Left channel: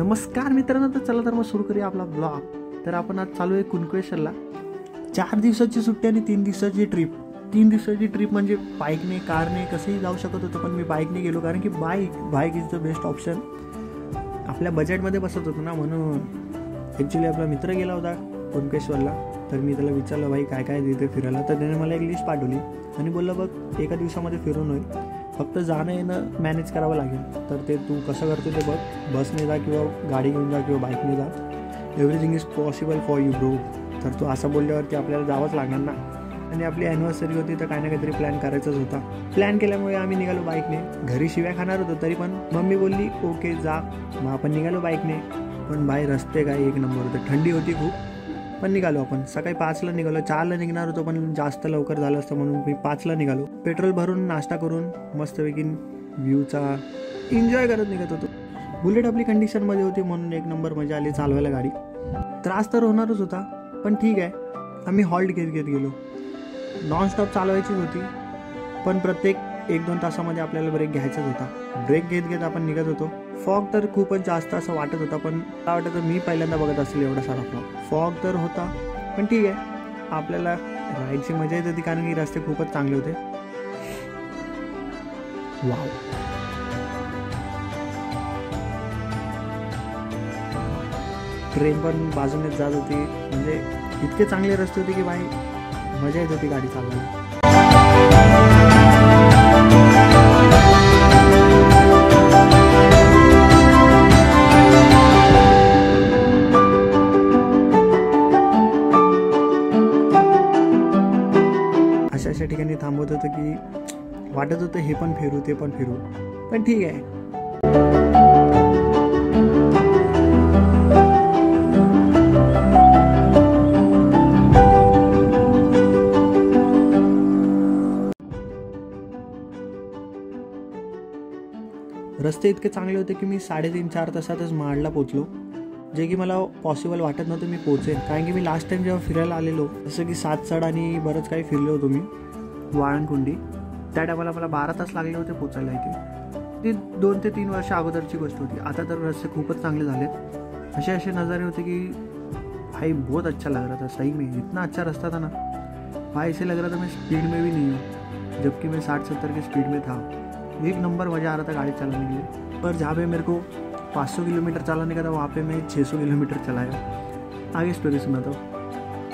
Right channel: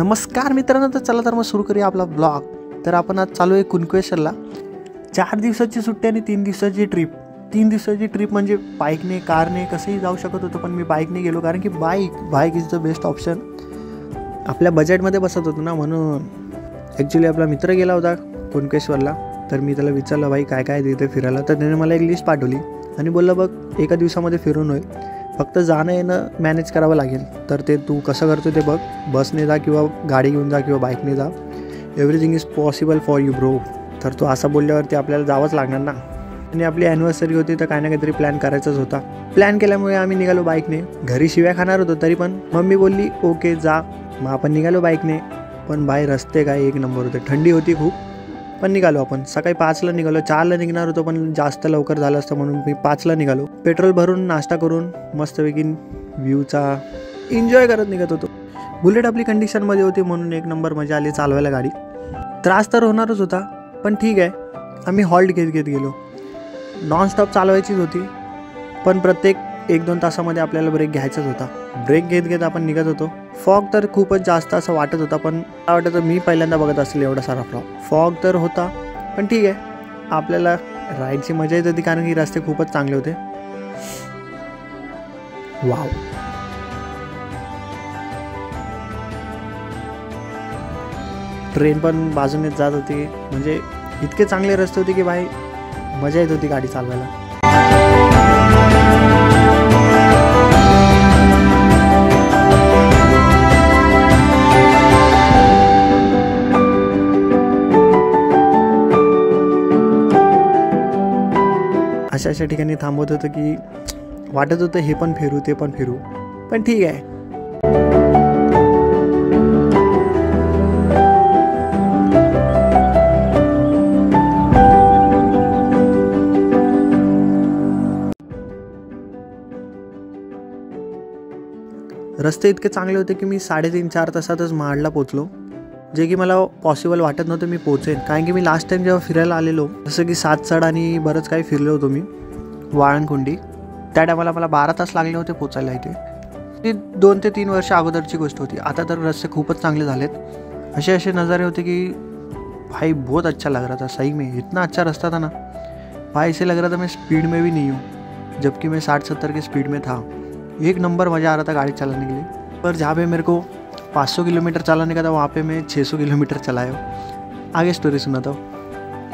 नमस्कार मित्रांनो, तर चला तर मग सुरू करूया आपला ब्लॉग. तर आपण आज चालू आहे कुणकेश्वरला. 4 दिवसाची सुट्टी आणि 3 दिवसाची ट्रिप. 3 दिवसाची ट्रिप म्हणजे बाईकने कारने कसंही जाऊ शकत होतं, पण मी बाईकने गेलो कारण की bike is the best option. आपल्या बजेटमध्ये बसत होतो ना, म्हणून. ॲक्च्युली आपला मित्र गेला होता कुणकेश्वरला, तर मी त्याला विचारलं भाई काय काय तिथे फिरायला. तर त्याने मला एक लिस्ट पाठवली आणि बोललं बघ एका दिवसामध्ये फिरून होईल, फक्त जाणं येणं मॅनेज करावं लागेल. तर ते तू कसं करतो ते बघ, बसने जा किंवा गाडी घेऊन जा किंवा बाईकने जा, everything is possible for you bro. तर तो असं बोलल्यावरती आपल्याला जावंच लागणार ना. आणि आपली ॲनिव्हर्सरी होती तर काही ना काहीतरी प्लॅन करायचाच होता. प्लॅन केल्यामुळे आम्ही निघालो बाईकने. घरी शिव्या खाणार होतो तरी पण मम्मी बोलली ओके जा. मग आपण निघालो बाईकने. पण बाई रस्ते काय एक नंबर होते. थंडी होती खूप, पण निघालो आपण. सकाळी 5ला निघालो. 4ला निघणार होतो पण जास्त लवकर झालं असतं म्हणून मी 5ला निघालो. पेट्रोल भरून नाश्ता करून मस्तपैकी व्ह्यूचा एन्जॉय करत निघत होतो. बुलेट आपली कंडिशनमध्ये होती म्हणून एक नंबर मजा आली चालवायला गाडी. त्रास तर होणारच होता पण ठीक आहे. आम्ही हॉल्ट घेत गेलो. नॉनस्टॉप चालवायचीच होती, पण प्रत्येक 1-2 तासामध्ये आपल्याला ब्रेक घ्यायचाच होता. ब्रेक घेत आपण निघत होतो. फॉग तर खूपच जास्त असं वाटत होता, पण मला वाटतं मी पहिल्यांदा बघत असेल एवढा सारा फॉग तर होता, पण ठीक आहे. आपल्याला राईडची मजा येत होती कारण की रस्ते खूपच चांगले होते. वाव. ट्रेन पण बाजूनेच जात होती. म्हणजे इतके चांगले रस्ते होते की भाई मजा येत होती गाडी चालवायला. अशा ठिकाणी थांबवत होतं की वाटत होतं हे पण फिरू ते पण फिरू, पण ठीक आहे. रस्ते इतके चांगले होते की मी 3.5-4 तासातच महाडला पोचलो, जे की मला पॉसिबल वाटत नव्हतं मी पोचेन. कारण की मी लास्ट टाइम जेव्हा फिरायला आलेलो, जसं की सातसड आणि बरंच काही फिरलो होतो मी, वाळणकुंडी, त्या टायमाला मला 12 तास लागले होते पोचायला इथे. ती 2 ते 3 वर्ष अगोदरची गोष्ट होती. आता तर रस्ते खूपच चांगले झालेत. असे नज़ारे होते की भाई बहुत अच्छा लग रहा था सही में. इतना अच्छा रास्ता था ना भाई, ऐसे लग रहा था मैं स्पीड में भी नहीं हूँ, जबकि मैं 60-70 की स्पीड में था. एक नंबर मज़ा आ रहा था गाड़ी चलाने के लिए. पर जहाँ पे मेरे को 500 किलोमीटर चलाने का था, वहाँ पे मैं 600 किलोमीटर चलाया. आगे स्टोरी सुनाता हूँ.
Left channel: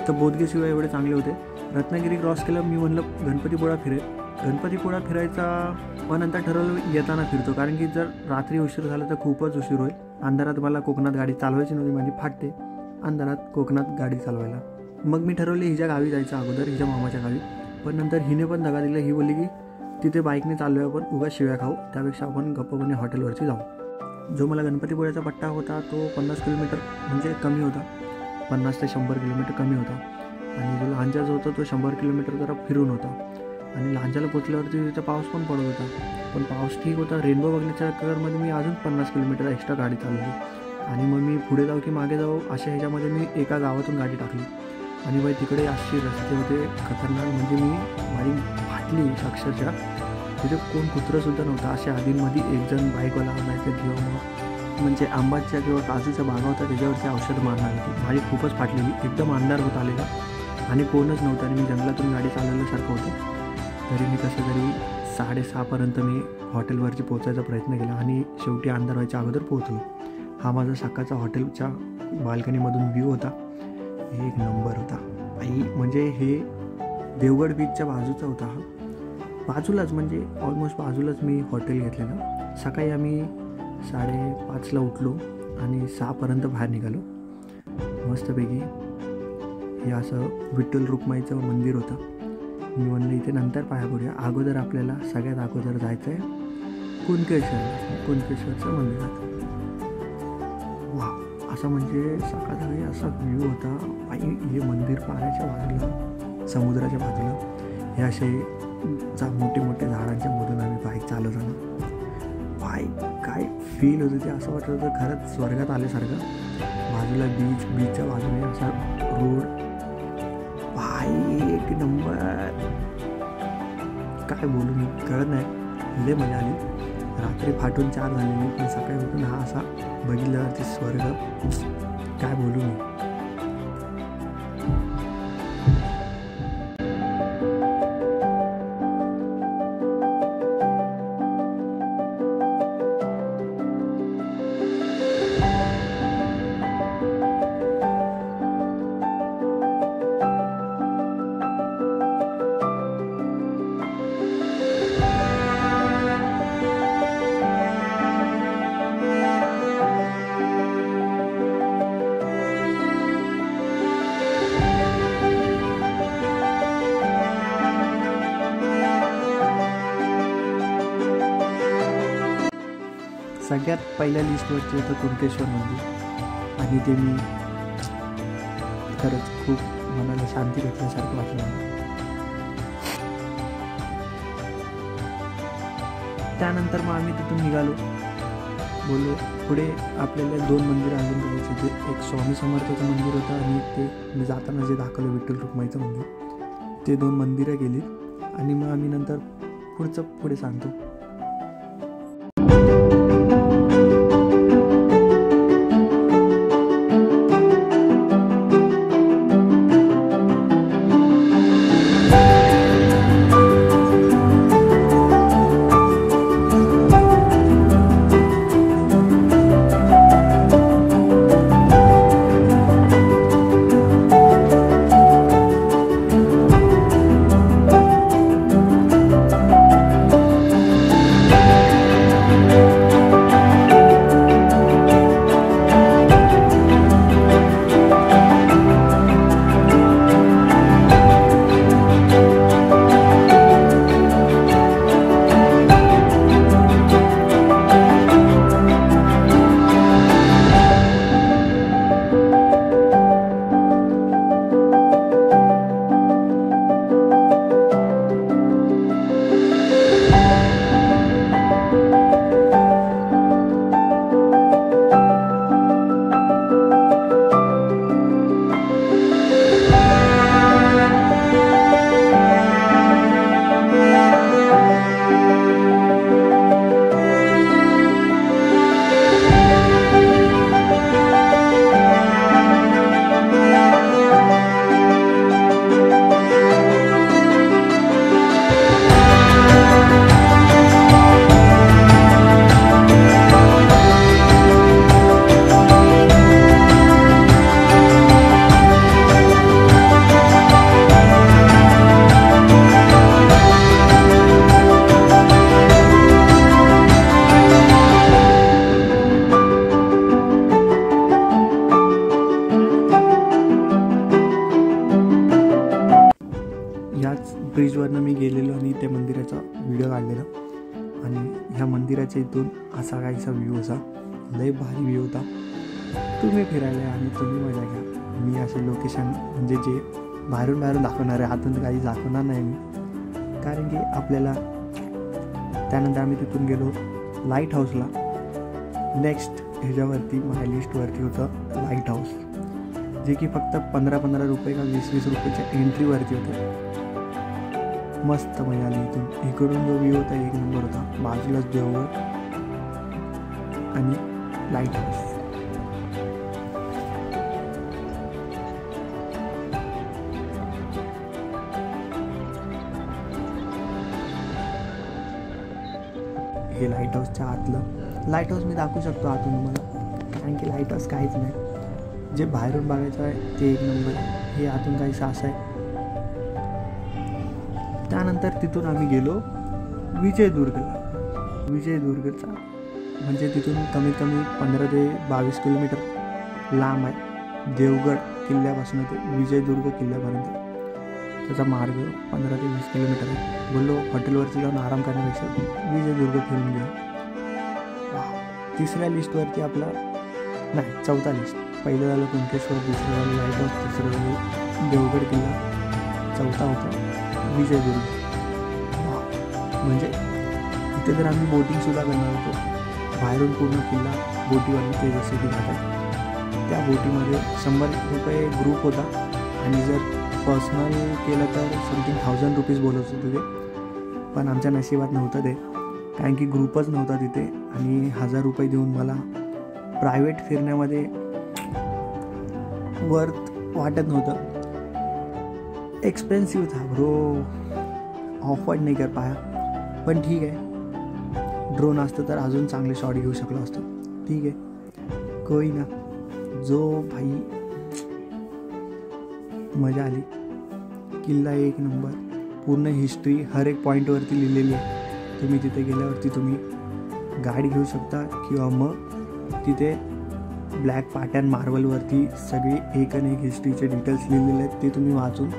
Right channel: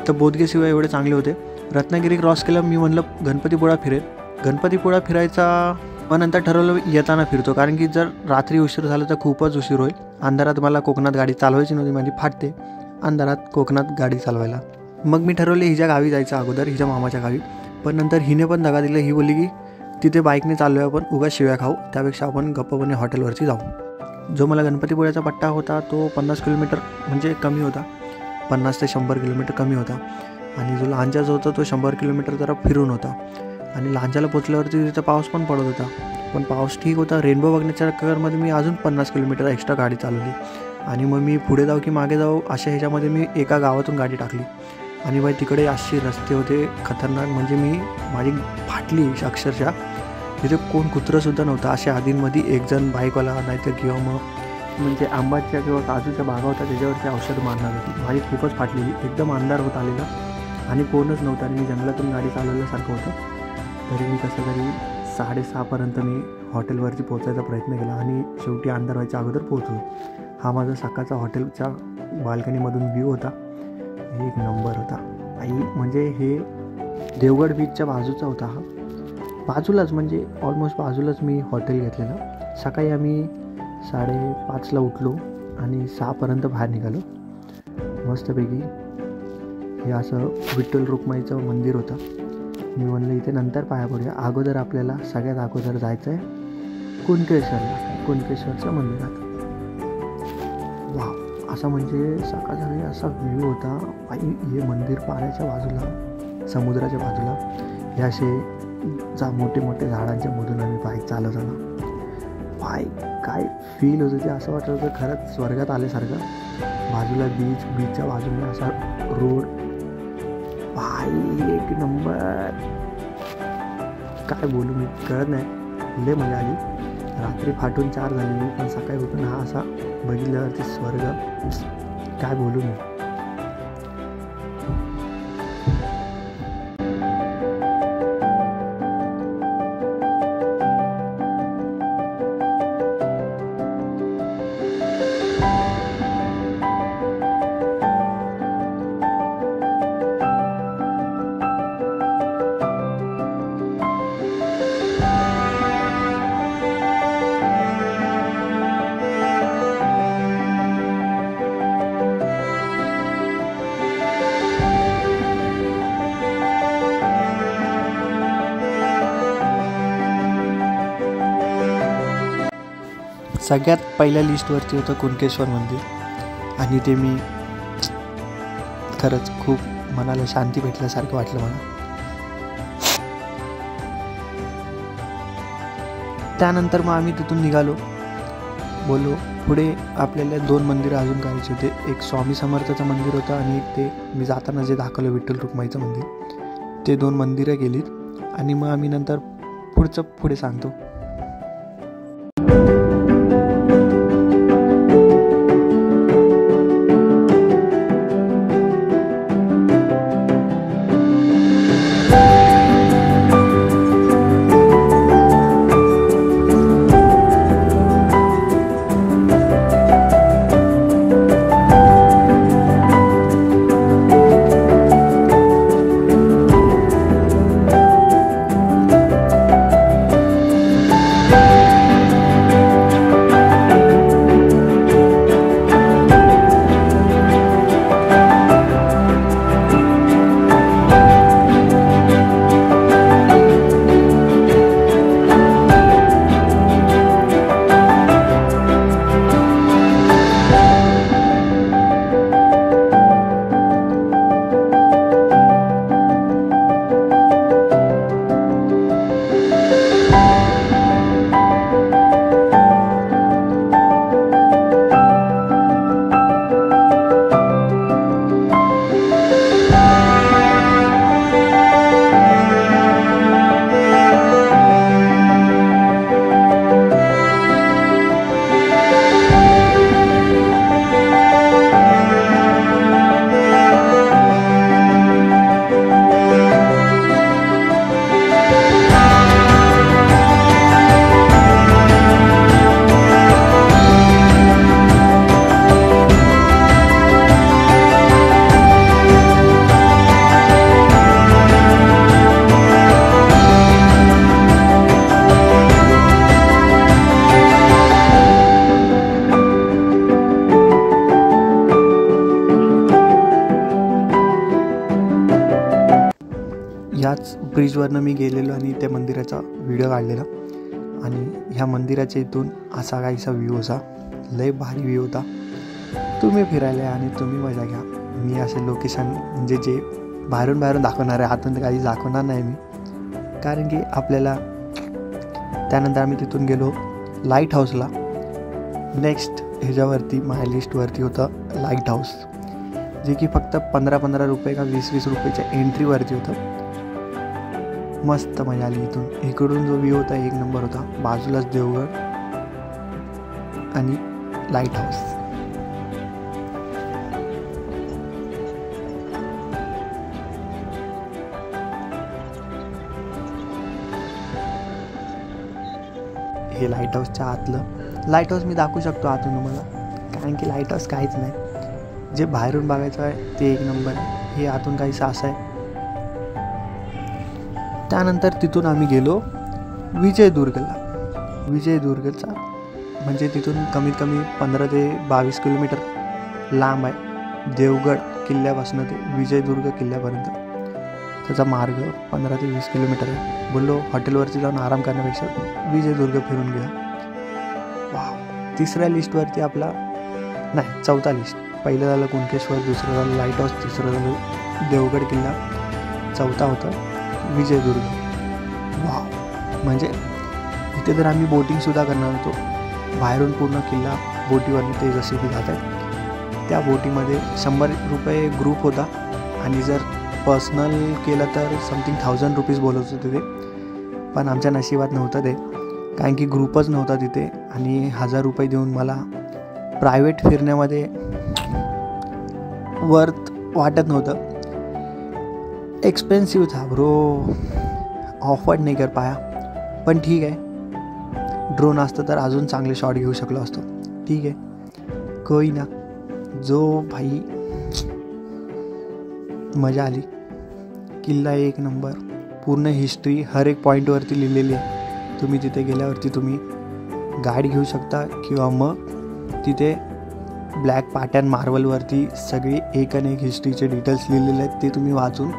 तर बोधगे शिवाय एवढे चांगले होते. रत्नागिरी क्रॉस केलं. मी म्हणलं गणपतीपुळा फिरेल. गणपतीपुळा फिरायचा मग नंतर ठरवलं येताना फिरतो, कारण की जर रात्री उशीर झाला तर खूपच उशीर होईल. अंधारात मला कोकणात गाडी चालवायची नव्हती, माझी फाटते अंधारात कोकणात गाडी चालवायला. मग मी ठरवले हिच्या गावी जायचं अगोदर, हिच्या मामाच्या गावी. पण नंतर हिने पण दगा दिला. ही बोलली की तिथे बाईकने चाललो आहे आपण, उगाच शिव्या खाऊ, त्यापेक्षा आपण गप्पपणे हॉटेलवरती जाऊ. जो मला गणपतीपुळ्याचा पट्टा होता तो 50 किलोमीटर म्हणजे कमी होता. 50 ते 100 किलोमीटर कमी होता. आणि जो लांजाचा होता तो 100 किलोमीटर जरा फिरून होता. आणि लांजाला पोचल्यावरती तिथं पाऊस पण पडत होता, पण पाऊस ठीक होता. रेनबो बघण्याच्या चक्करमध्ये मी अजून 50 किलोमीटर एक्स्ट्रा गाडी चालवली. आणि मग मी पुढे जाऊ की मागे जाऊ अशा ह्याच्यामध्ये मी एका गावातून गाडी टाकली. आणि बाई तिकडे असे रस्ते होते खतरनाक, म्हणजे माझी फाटली अक्षरशः. तिथे कोण कुत्रंसुद्धा नव्हतं. अशा आधींमध्ये एकजण बाईकवाला नाहीतर किंवा मग म्हणजे आंबाच्या किंवा काजूच्या बागा होता त्याच्यावरती औषध मारणार होती. माझी खूपच फाटलेली. एकदम अंधार होत आलेला आणि कोणच नव्हतं. आणि मी जंगलातून गाडी चालवल्यासारखं होतं. तरी मी कसं तरी 6:30पर्यंत मी हॉटेलवरती पोचायचा प्रयत्न केला आणि शेवटी अंधार व्हायच्या अगोदर पोहोचलो. हा माझा सकाळचा हॉटेलच्या बाल्कनीमधून व्ह्यू होता. एक नंबर होता आई. म्हणजे हे देवगड बीचच्या बाजूचा होता हा. बाजूलाच म्हणजे ऑलमोस्ट बाजूलाच मी हॉटेल घेतलेलं. सकाळी आम्ही 5:30ला उठलो आणि 6पर्यंत बाहेर निघालो मस्तपैकी. हे असं विठ्ठल रुक्माईचं मंदिर होतं. मी म्हणलं इथे नंतर पाया पडूया, अगोदर आपल्याला सगळ्यात अगोदर जायचं आहे कुणकेश्वरला, कुणकेश्वरच्या मंदिरात. वा, असं म्हणजे सकाळचा असा व्ह्यू होता. आई हे मंदिर पाण्याच्या बाजूला, समुद्राच्या बाजूला. हे असे मोठे मोठे झाडांच्या मधून आम्ही बाईक चालवताना बाईक काय फील होतं ते. असं वाटत होतं खरंच स्वर्गात आल्यासारखं. बाजूला बीचच्या बाजूने असा रोड. भाई एक नंबर. काय बोलू मी कळत नाही. लय मजा आली. रात्री फाटून 4 झालेली, पण सकाळी उठून हा असा बघितल्यावरती स्वर्ग, काय बोलू मी. सगळ्यात पहिल्या लिस्टवरती होतं कुणकेश्वर मंदिर आणि ते मी खरंच खूप मनाला शांती भेटल्यासारखं वाटलं मला. त्यानंतर मग आम्ही तिथून निघालो. बोललो पुढे आपल्याला 2 मंदिरं अजून करायचे होते. एक स्वामी समर्थाचं मंदिर होतं आणि एक ते मी जाताना जे दाखवलं विठ्ठल रुक्माईचं मंदिर. ते 2 मंदिरं गेलीत आणि मग आम्ही नंतर पुढे सांगतो. ह्याच ब्रिजवरनं मी गेलेलो आणि त्या मंदिराचा व्हिडिओ काढलेला. आणि ह्या मंदिराच्या इथून असा काहीसा व्ह्यू होता. लय भारी व्ह्यू होता. तुम्ही फिरायला आणि तुम्ही मजा घ्या. मी असे लोकेशन म्हणजे जे बाहेरून दाखवणार आहे, आतून काही दाखवणार नाही मी, कारण की आपल्याला. त्यानंतर आम्ही तिथून गेलो लाईट हाऊसला. नेक्स्ट ह्याच्यावरती माझ्या लिस्टवरती होतं लाईट हाऊस, जे की फक्त 15 रुपये का 20 रुपयाच्या एंट्रीवरती होतं. मस्त मजा आली इथून. इकडून जो व्ह्यू होता एक नंबर होता. बाजूलाच देवगड आणि लाईट हाऊस. हे लाईट हाऊसच्या आतलं. लाईट हाऊस मी दाखवू शकतो आतून तुम्हाला, कारण की लाईट हाऊस काहीच नाही. जे बाहेरून बघायचं आहे ते एक नंबर आहे. हे आतून काहीसं असं आहे. त्यानंतर तिथून आम्ही गेलो विजयदुर्गला. विजयदुर्गचा म्हणजे तिथून कमीत कमी 15 ते 22 किलोमीटर लांब आहे. देवगड किल्ल्यापासून ते विजयदुर्ग किल्ल्यापर्यंत त्याचा मार्ग 15 ते 20 किलोमीटर आहे. बोललो हॉटेलवरती जाऊन आराम करण्यापेक्षा विजयदुर्ग फिरून घ्या. वा. तिसऱ्या लिस्टवरती आपला नाही, चौथा लिस्ट. पहिलं झालं कुणकेश्वर, दुसरं झालं लाईट हाऊस, तिसरं झालं देवगड किल्ला, चौथा होता विजयदुर्ग. वा. म्हणजे इथे तर आम्ही बोटिंगसुद्धा करणार होतो. बाहेरून पूर्ण किल्ला बोटीवरनं ते जसे की जात आहेत. त्या बोटीमध्ये 100 रुपये ग्रुप होता आणि जर पर्सनल केलं तर समथिंग 1000 रुपीज बोलत होते ते. पण आमच्या नशिबात नव्हतं ते, कारण की ग्रुपच नव्हता तिथे. आणि 1000 रुपये देऊन मला प्रायव्हेट फिरण्यामध्ये वर्थ वाटत नव्हतं. एक्सपेन्सिव्ह था ब्रो, ऑफर्ड नाही कर पाया. पण ठीक आहे, ड्रोन असतं तर अजून चांगले शॉट घेऊ शकलो असतो. ठीक आहे, कोई ना. जो भाई मजा आली. किल्ला एक नंबर, पूर्ण हिस्ट्री हर एक पॉईंटवरती लिहिलेली आहे. तुम्ही तिथे गेल्यावरती तुम्ही गाईड घेऊ शकता किंवा मग तिथे ब्लॅक पाटॅन मार्बलवरती सगळी एक आणि एक हिस्ट्रीचे डिटेल्स लिहिलेले आहेत, ते तुम्ही वाचून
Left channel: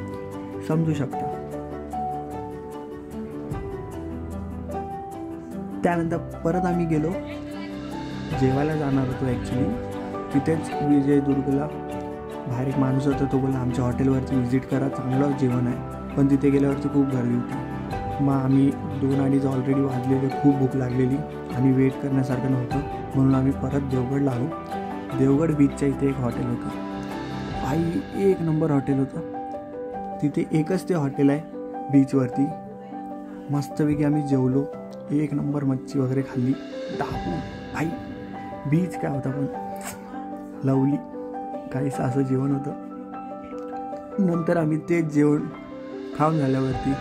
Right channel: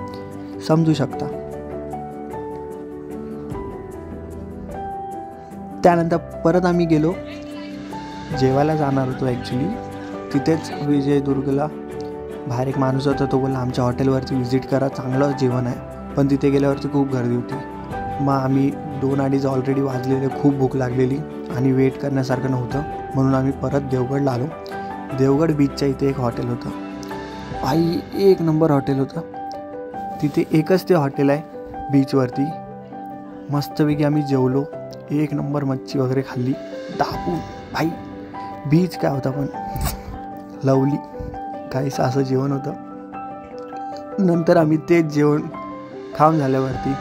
समजू शकता. त्यानंतर परत आम्ही गेलो, जेवायला जाणार होतो ॲक्च्युली. तिथेच विजयदुर्गला बाहेर एक माणूस होता, तो बोलला आमच्या हॉटेलवरती व्हिजिट करा, चांगलं जेवण आहे. पण तिथे गेल्यावरती खूप गर्दी होती. मग आम्ही 2-2:30 ऑलरेडी वाजलेले, खूप भूक लागलेली आणि वेट करण्यासारखं नव्हतं, म्हणून आम्ही परत देवगडला आलो. देवगड बीचच्या इथे एक हॉटेल होतं, आई एक नंबर हॉटेल होतं. तिथे एकच ते हॉटेल आहे बीचवरती. मस्तपैकी आम्ही जेवलो, एक नंबर मच्छी वगैरे खाल्ली दाबून. भाई बीच काय होता पण लवली, काहीसं असं जेवण होतं. नंतर आम्ही तेच जेवण खाऊन झाल्यावरती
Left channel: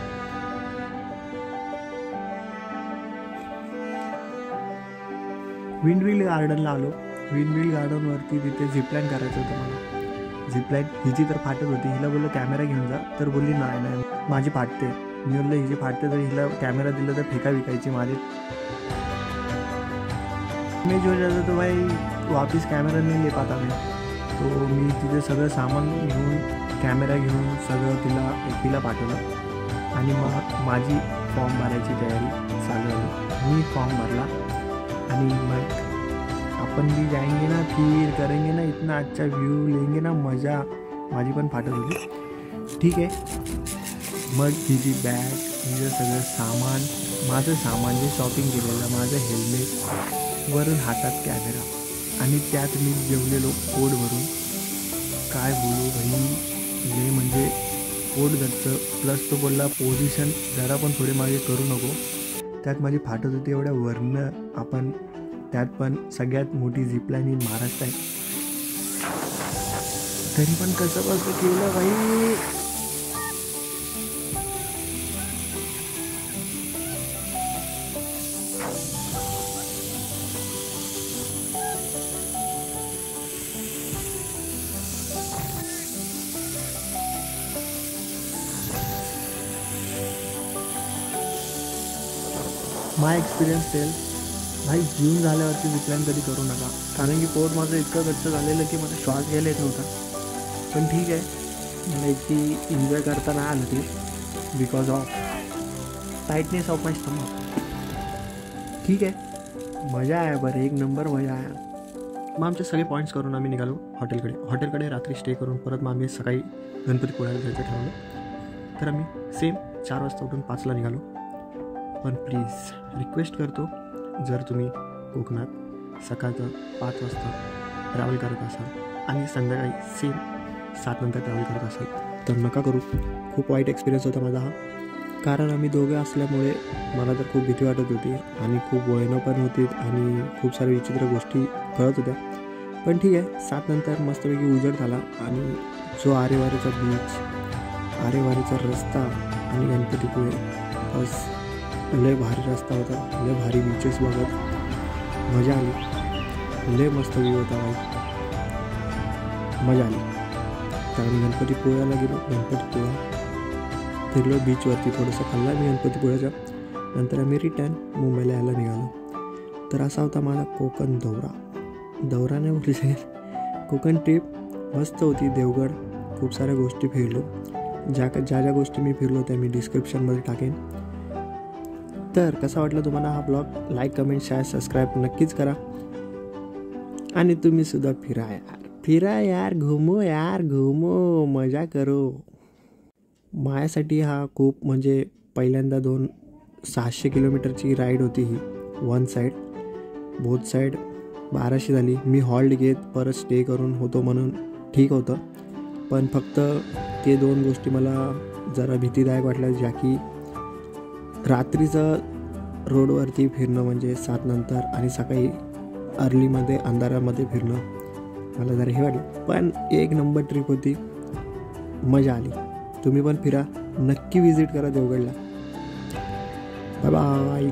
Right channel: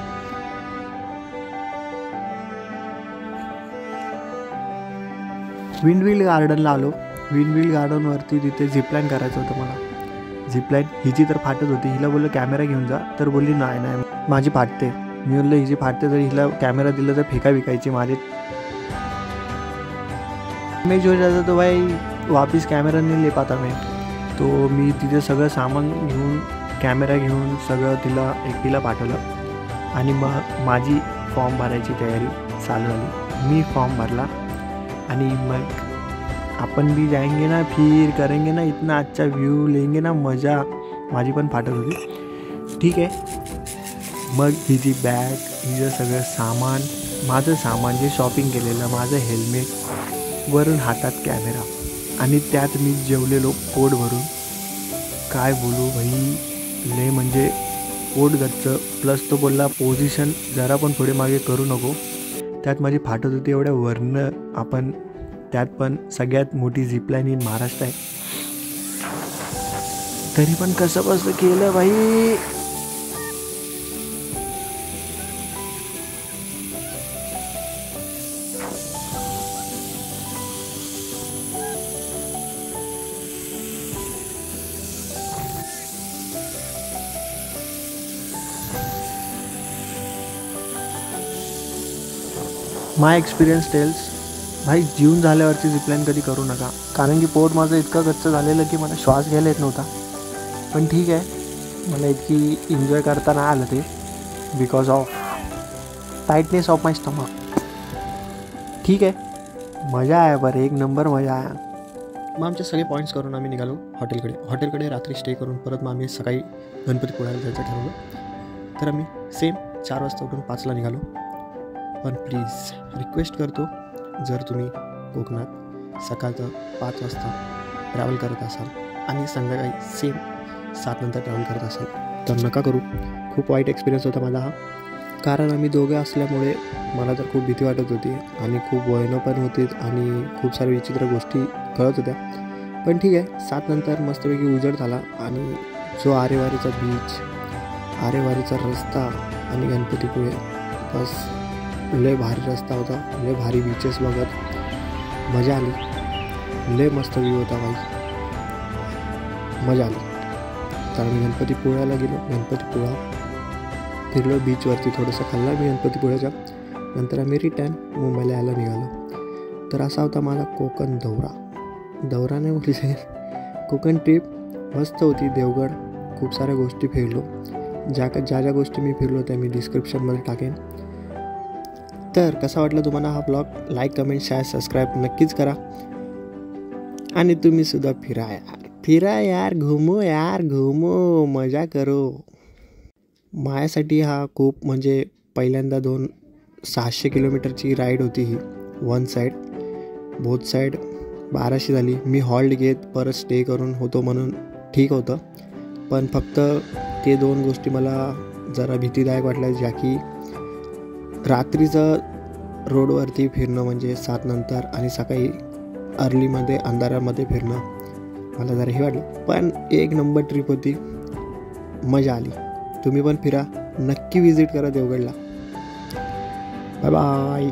विंडमिल गार्डनला आलो. विंडमिल गार्डनवरती तिथे झिपलाईन करायचं होतं मला. झिपलाईन हिची तर फाटत होती, हिला बोललं कॅमेरा घेऊन जा, तर बोलली नाही माझी फाटते. मी बोललो हिची फाटते तर हिला कॅमेरा दिला तर फेका विकायची माझे. मैं जो जाता तो भाई वापस कॅमेरा नाही ले पाता मैं. तो मी तिथे सगळं सामान घेऊन, कॅमेरा घेऊन सगळं तिला एकटीला पाठवलं. आणि मग माझी फॉर्म भरायची तयारी चालू झाली. मी फॉर्म भरला आणि मग अपन भी जाएंगे ना, फिर करेंगे ना, इतना अच्छा व्यू लेंगे ना, मजा. माझी पण फाटत होती. ठीक आहे, मग हिची बॅग, हिचं सगळं सामान, माझं सामान जे शॉपिंग केलेलं, माझं हेल्मेट, वरून हातात कॅमेरा, आणि त्यात मी जेवलेलो पोट भरून. काय बोलू भाई, ले म्हणजे पोट गच्च. प्लस तो बोलला पोझिशन जरा पण थोडे मागे करू नको. त्यात माझी फाटत होती एवढ्या वरनं. आपण त्यात पण सगळ्यात मोठी झिपलाईन इन महाराष्ट्र आहे, तरी पण कसं बसं केलं भाई. माय एक्सपिरियन्स टेल्स, भाई जीवन झाल्यावरती झिपलाईन कधी करू नका. कारण की पोट माझं इतकं गच्च झालेलं की मला श्वास घ्यायला येत नव्हता. पण ठीक आहे, मला इतकी एन्जॉय करता नाही आलं ते, because of tightness of my stomach. ठीक आहे, मजा आहे बरं, एक नंबर मजा आहे. मग आमचे सगळे पॉईंट्स करून आम्ही निघालो हॉटेलकडे रात्री स्टे करून. परत मग आम्ही सकाळी गणपतीपुळ्याला जायचं ठरवलं. तर आम्ही सेम 4 वाजता उठून 5ला निघालो. पण प्लीज रिक्वेस्ट करतो, जर तुम्ही कोकणात सकाळचं 5 वाजता ट्रॅव्हल करत असाल आणि संध्याकाळी सेम 7 नंतर ट्रॅव्हल करत असाल तर नका करू. खूप वाईट एक्सपिरियन्स होता माझा हा. कारण आम्ही दोघं असल्यामुळे मला तर खूप भीती वाटत होती आणि खूप वयनं पण होती आणि खूप साऱ्या विचित्र गोष्टी कळत होत्या. पण ठीक आहे, 7 नंतर मस्तपैकी उजेड झाला आणि जो आरेवारीचा बीच, आरेवारीचा रस्ता आणि गणपतीपुळे, बस लय भारी रस्ता होता, लय भारी बीचेस बघत मजा आली. लय मस्त व्ह्यू होता भाई, मजा आली. तर आम्ही गणपतीपुळ्याला गेलो. गणपतीपुळा फिरलो, बीचवरती थोडंसं खाल्ला मी गणपतीपुळ्याच्या. नंतर आम्ही रिटर्न मुंबईला यायला निघालो. तर असा होता माझा कोकण दौरा नाही बोलू शकेल, कोकण ट्रिप मस्त होती. देवगड खूप साऱ्या गोष्टी फिरलो. ज्या गोष्टी मी फिरलो त्या मी डिस्क्रिप्शनमध्ये टाकेन. तर कसा वाटला तुम्हाला हा blog? Like, comment, share, subscribe नक्कीच करा. आणि तुम्हीसुद्धा फिरा यार, घुमो, मजा करो. माझ्यासाठी हा खूप म्हणजे पहिल्यांदा 600 किलोमीटरची राईड होती ही. वन साईड, बोथ साईड 1200 झाली. मी हॉल्ट घेत परत स्टे करून होतो म्हणून ठीक होतं. पण फक्त ते 2 गोष्टी मला जरा भीतीदायक वाटल्या, ज्या की रात्रीचं रोडवरती फिरणं म्हणजे 7 नंतर आणि सकाळी अर्लीमध्ये अंधारामध्ये फिरणं मला जरा हे वाटलं, पण एक नंबर ट्रिप होती, मजा आली. तुम्ही पण फिरा, नक्की विजिट करा देवगडला. Bye bye.